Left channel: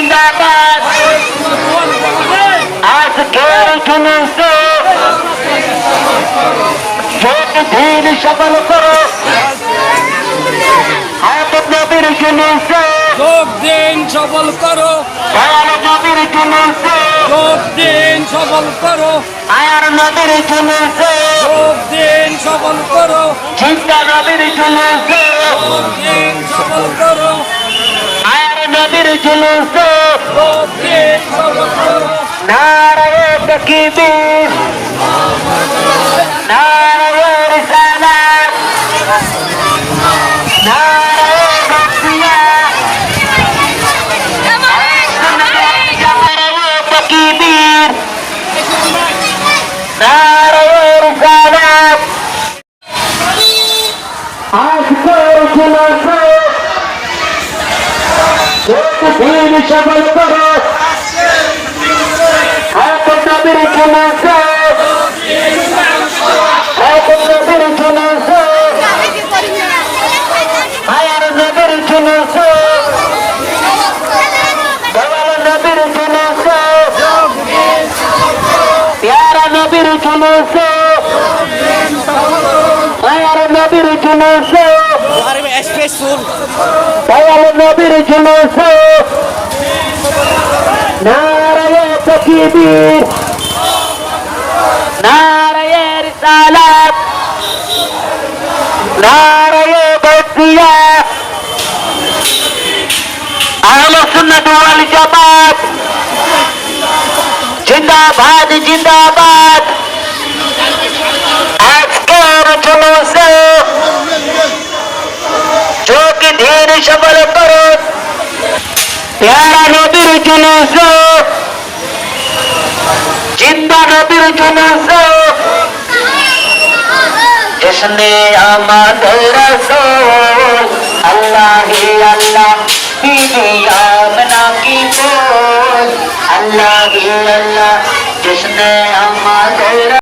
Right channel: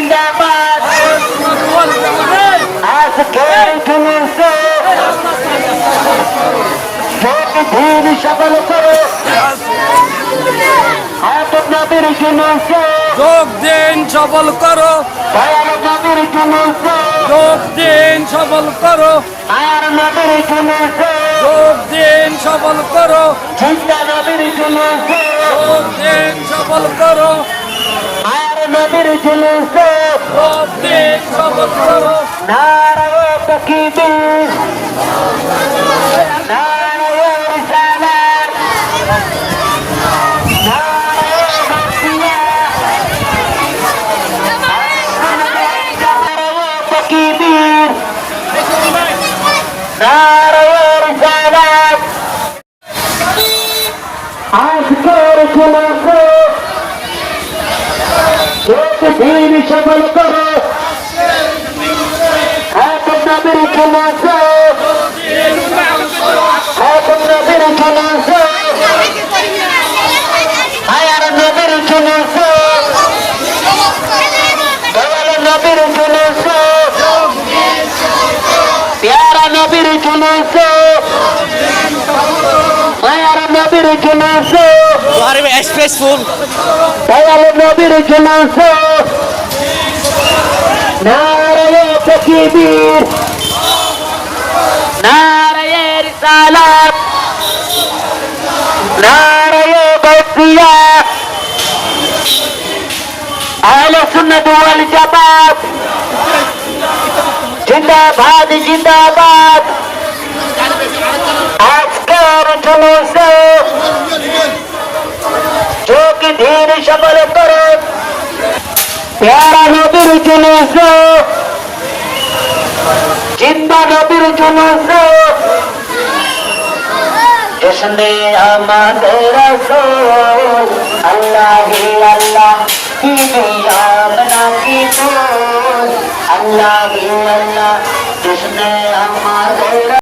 জিন্দাবাদ আজকের জুলুসে ধীর সফল করো হাফেজ নবীর জুলুসে যোগ দিন সফল করো দয়াল নবীর জুলুসে যোগ দিন সফল করো মায়ার নবীর জুলুসে যোগ দিন সফল করো জিন্দা নবীর জুলুসে যোগ দিন সফল করো মায়ার নবীর জুলুসে যোগ দিন সফল করো নারায়ে তাকবীর নারায়ে রিসালাত নারায়ে গাছিয়া নারায়ে তাকবীর নারায়ে রিসালাত আজকের জুলুসে ধীর সফল করো হাফেজ নবীর জুলুসে হাফেজ নবীর জুলুসে মায়ার নবীর জুলুসে দয়াল নবীর জুলুসে প্যারা নবীর জুলুসে মায়ার নবীর জুলুসে দয়াল নবীর জুলুসে নারায়ে তাকবীর নারায়ে রিসালাত নারায়ে গাছিয়া আহলে সুন্নাত ওয়াল জামাত জিন্দাবাদ জিন্দাবাদ আজকের জুলুসে যোগ ধীর সফল করো প্যারা নবীর জুলুসে জিন্দা নবীর জুলুসে जिसने আমাদের রাসূল আল্লাহি আল্লাহ বিবিয়া মনা কি बोल अल्लाह ही अल्लाह जिसने আমাদের